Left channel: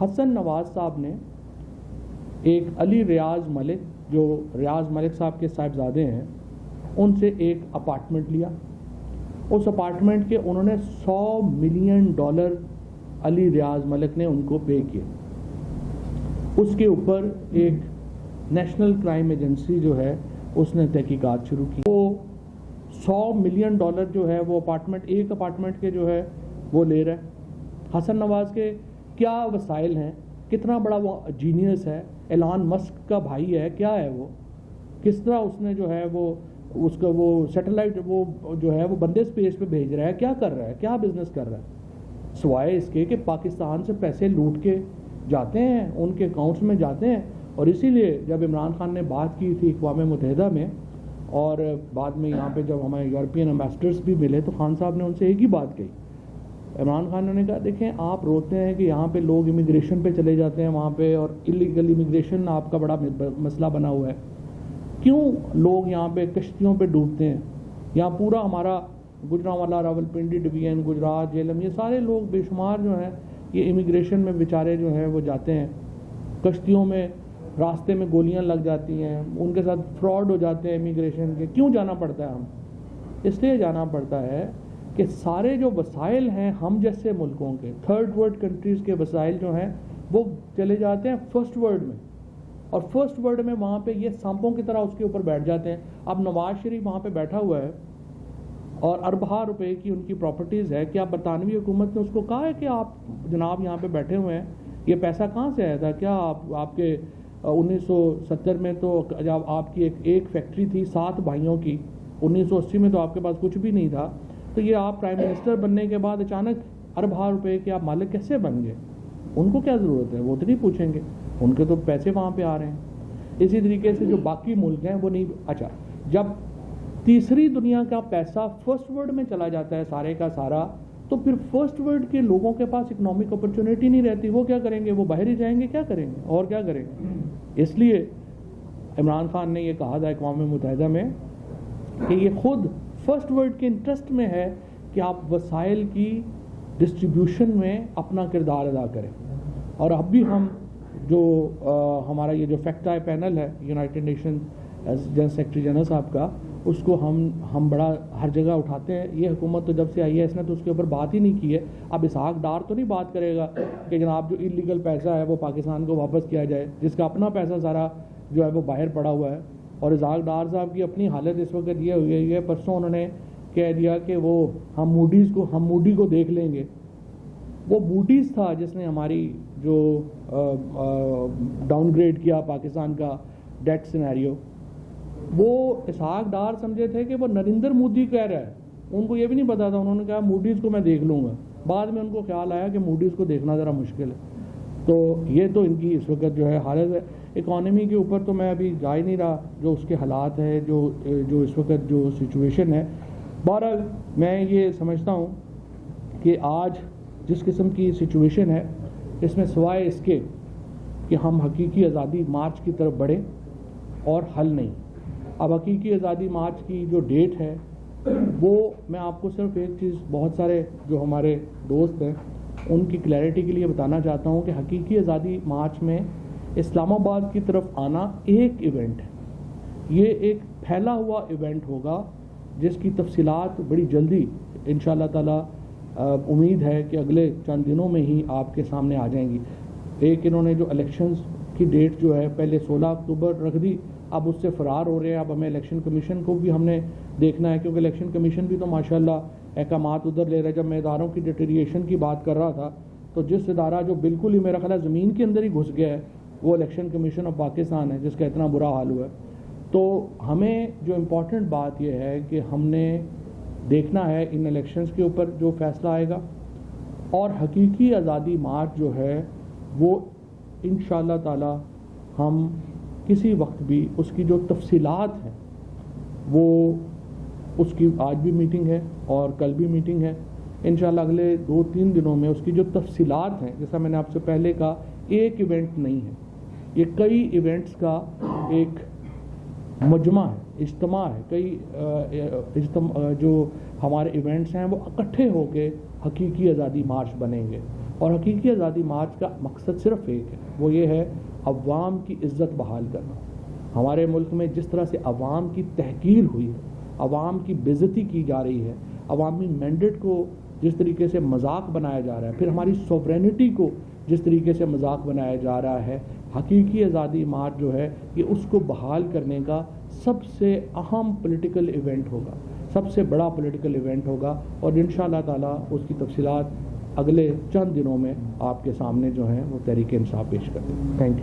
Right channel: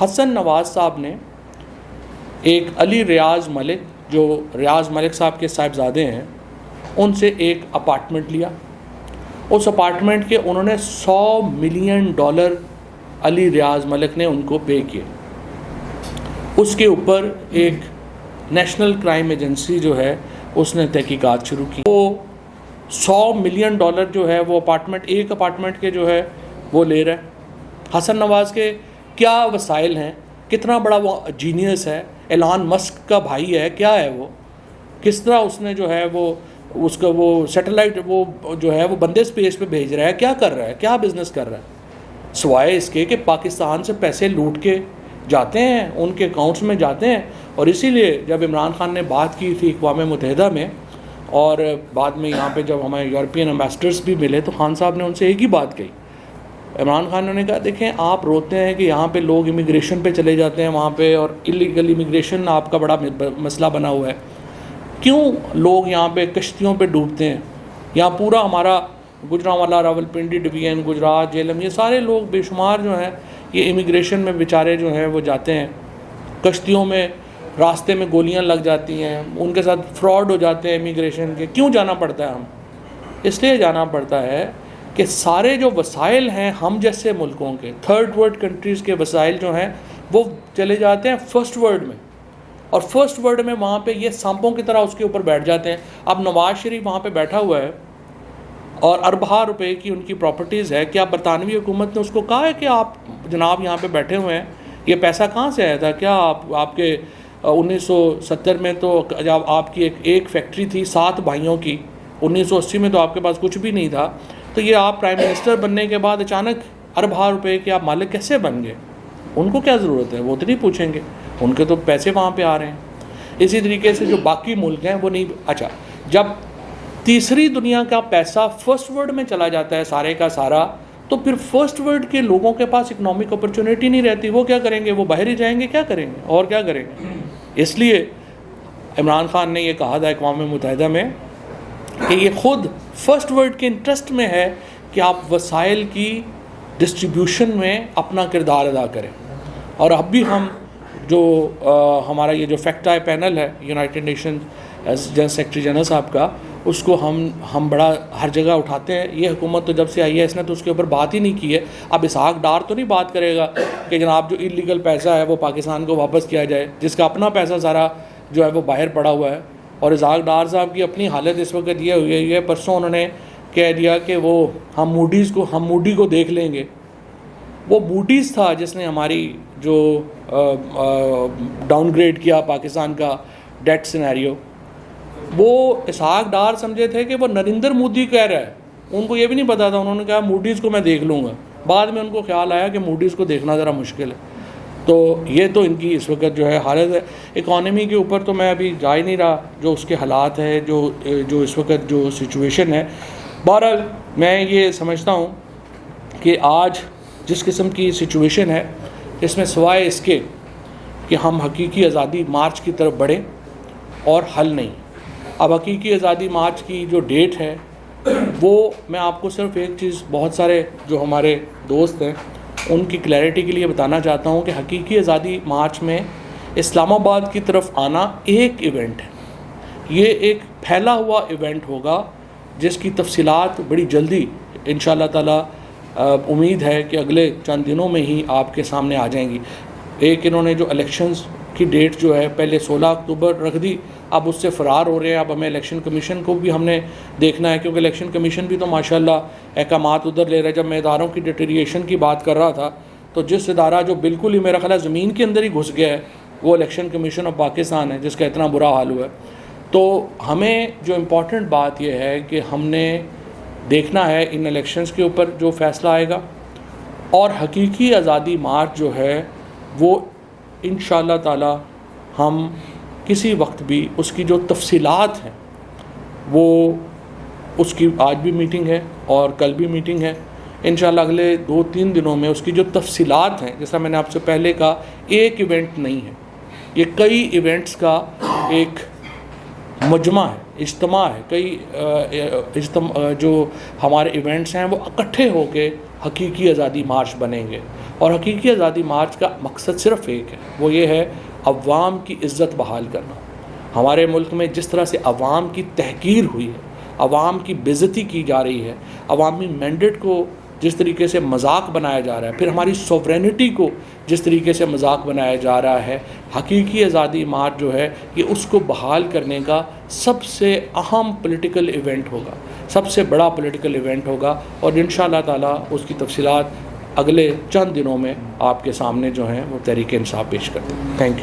حسن نواز صاحب نے ایک علی ریاض ملک، جو ریاض ملک صاحب کے صاحبزادے ہیں، ان سے ایک اپارٹمنٹ لیا. اس اپارٹمنٹ کے انہوں نے $100 ملین علی ریاض ملک نے ان کو پے کیے. اس کے اوپر ایک نیشنل کرائم ایجنسی جو ہے اس نے تحقیقات شروع کی. وہ $100 ملین جو ہے وہ ایک اپارٹمنٹ کے جو ہے وہ لے رہا ہے. حسن نواز کے کیا وسائل ہیں، کتنا بڑا وہ جینیس ہے، ایلان مسک کا بھائی ہے، کیا ہے وہ، کس طرح اس نے جو ہے وہ اس کا وہ سیٹلائٹ وہ جو ہے وہ بندے اسپیس پہ بھیج رہا ہے، کیا کر رہا ہے، کیا بزنس کر رہا ہے، سوائے اس کے کہ پاکستان سے پیسے لوٹ کے جاتے ہیں، ان کے اکاؤنٹس میں جاتے ہیں. اور اسی لیے جب عمران خان نے بات کی تھی اقوام متحدہ میں، اور بعد میں یہاں پہ جب ہمیں یورپین امبیسڈرس بھی ملے تو خان صاحب نے ان سے ایک ہی بات کہی. عمران خان نے کہا دیکھیں آپ روتے ہیں کہ یہاں پہ لوگ امیگریشن پہ چلے جاتے ہیں وہاں پہ، اور اللیگل امیگریشن آپ کا بڑا مسئلہ بنا ہوا ہے، کیوں لوگ یہاں پہ کشتیوں پہ ڈوبتے ہیں. یہاں پورا ہمارا گجرانوالا، راولپنڈی ڈویژن، گجرات، جہلم، یہ سارے لوگ بے شمار جو ہیں یہ امیگریشن میں بیچارے جو ہیں وہ جاتے ہیں کشتیوں میں، راستے میں گولیاں لگ جاتی ہیں، ان کے ساتھ فراڈ ہو جاتے ہیں امیگریشن کے. کیوں جانا پڑتا ہے؟ ہم اس لیے جانا پڑتا ہے کہ سارے جو وسائل ہیں ہم جیسے ملکوں کے، تھرڈ ورلڈ کنٹریز کے وسائل جو ہیں وہ چلے جاتے ہیں فرسٹ ورلڈ میں، اور فرسٹ ورلڈ میں وہاں پہ یہ سانپوں کی طرح اس کے اوپر بیٹھ جاتے ہیں. اب نواز شریف وہاں پہ بیٹھا ہوا ہے اور اربوں روپے کی ان کی پراپرٹیز ہے. کیا برطانوی حکومت نے اس کو کہا ہے کہ آپ جناب یہاں پہ بیٹھے ہوئے ہیں، یہ پیسہ کہاں سے آیا تھا؟ کیا آپ کے 1970 میں تو جب آپ کی ایک فیکٹری تھی 7 بھائیوں کی، 1980 میں تو آپ کے پاس کچھ بھی نہیں تھا، تو یہ آپ پرائم منسٹر بننے کے بعد اچانک اربوں روپے کے آپ مالک کیسے بن گئے؟ ان کو کیا ضرورت ہے؟ وہ تو نہیں پوچھیں گے، ان کے تو پیسے وہاں پہ آ رہے ہیں. اسی طریقے سے جو باقی ملک ہیں وہ نہیں. اچھا، جب تیسری دنیا کا پیسہ فرسٹ ورلڈ میں چلا جاتا ہے سارے کا سارا، تو پھر فرسٹ ورلڈ کے لوگوں کے پاس اکنامک اپرچونیٹی نہیں رہتی. وہ کیا کریں گے؟ وہ باہر ہی جائیں گے، کیا کریں گے اور کیا کریں گے؟ اس لیے عمران خان نے یہ کہا تھا اقوام متحدہ میں کہ یہ خود فرسٹ ورلڈ کے انٹرسٹ میں ہے کہ آپ وسائل کی ڈسٹریبیوشن میں اپنا کردار ادا کریں. اور اب بھی ہم جو ہمارا یہ جو فیکٹ آئی پینل ہے United nation general secretary general صاحب کا، اس کو ہم بڑا ہر جگہ اٹھاتے ہیں. یہ حکومت تو جب سے آئی ہے اس نے تو اس کے اوپر بات ہی نہیں کی ہے. اب اسحاق ڈار تو نہیں بات کرے گا کہ جناب جو اللیگل پیسہ ہے وہ پاکستان کو واپس کیا جائے، جس کا اپنا پیسہ سارا جو ہے وہ باہر پڑا ہوا ہے. اور اسحاق ڈار صاحب کی اپنی حالت اس وقت یہ ہوئی ہے، پرسوں انہوں نے کہہ دیا کہ وہ ہم موڈی کو دیکھ لیں گے. وہ موڈیز تھا جس نے ہماری جو ڈاؤن گریڈ کیا پاکستان کا ڈیٹ سینیریو. وہ اسحاق ڈار سمجھے تھے کہ وہ نریندر مودی کہہ رہا ہے، ان کو یہ بھی نہیں پتا تھا. انہوں نے کہا موڈیز کو میں دیکھ لوں گا. بعد میں ان کو خیال آیا کہ موڈیز کو دیکھنا ذرا مشکل ہے. تو یہ تو ان کی اس وقت جو ہے حالت ہے. اکانومی کے اوپر تو میں ابھی جا ہی نہیں رہا، جو اس کے حالات ہیں، جو اس وقت جو سچویشن ہے. بہرحال میں یہ سمجھتا ہوں کہ آج جس قسم کی سچویشن ہے اس میں سوائے اس کے کہ ہم حقیقی آزادی مارچ کی طرف بڑھیں اور حل نہیں. اب حقیقی آزادی مارچ کی جو ڈیٹ ہے وہ میں آپ کو صرف ایک چیز، بہت سارے جو ہمارے دوست ہیں ان کی کلیئرٹی کے لیے بتانا چاہتا ہوں کہ حقیقی آزادی مارچ میں اسلام آباد کی طرف آنا ایک ایونٹ ہے. یہ ایک پھیلا ہوا ایونٹ ہوگا جس کی تفصیلات بڑی جلدی انشاءاللہ تعالی امید ہے کہ اگلے چند دنوں میں ہی آپ کے سامنے آ جائیں گی. ایک انہوں نے جو الیکشنز کی ڈیٹ جو ہے پہلے 16 اکتوبر رکھ دی، اب اس سے فرار ہو رہے ہیں. اب ہمیں الیکشن کمیشن کو بھی ہم نے دیکھنا ہے، کیونکہ الیکشن کمیشن بھی تو ماشاءاللہ احکامات ادھر لے رہا ہے. جب میں اداروں کی ڈیٹیریشن کی بات کر رہا تھا تو جس ادارہ جو بالکل ہی میرا خیال ہے زمین کے اندر ہی گھس گیا ہے وہ الیکشن کمیشن آف پاکستان ہے، جس کا اتنا برا حال ہوا ہے. تو ہمیں جو امپورٹنٹ بات یہ ہے کہ ہم نے دیکھنا ہے ان الیکشنز کے اوپر جو فیصلہ آئے گا، اور حقیقی آزادی مارچ جو ہے وہ انشاءاللہ تعالی ہم کسی وقت بھی اس کی جو تفصیلات ہیں وہ اس کی آج بھی میٹنگ ہے اور کل بھی میٹنگ ہے. انشاءاللہ اگلے 2-3 دنوں میں اس کی جو تفصیلات ہیں، جیسا میں نے آپ سے پہلے کہا، ایک ایونٹ نہیں ہے، یہ کئی ایونٹس کا ایک مجمع ہے، اجتماع ہے. کئی جو ہمارے ایونٹس ہیں وہ اکٹھے ہو کے حقیقی آزادی مارچ بنیں گے. اور حقیقی آزادی مارچ کا مقصد صرف ایک ہے، وہ یہ ہے عوام کی عزت بحال کرنا۔ ہمارے ملک میں جس طرح سے عوام کی تحقیر ہوئی ہے، عوام کی بے عزتی کی جا رہی ہے، عوامی مینڈیٹ کو جس طریقے سے مذاق بنایا جا رہا ہے، پھر ہماری سوورینٹی کو جس طریقے سے مذاق بنایا جا رہا ہے، حقیقی آزادی مارچ جو ہے یہ اس کو بحال کرنے کا سب سے اہم پولیٹیکل ایونٹ ہوگا، سب سے بڑا پولیٹیکل ایونٹ ہوگا، اور انشاءاللہ تعالیٰ اس کی تفصیلات اگلے چند دنوں میں آپ کے سامنے جو ہیں وہ تحریک انصاف پیش کر دیں۔ Thank you.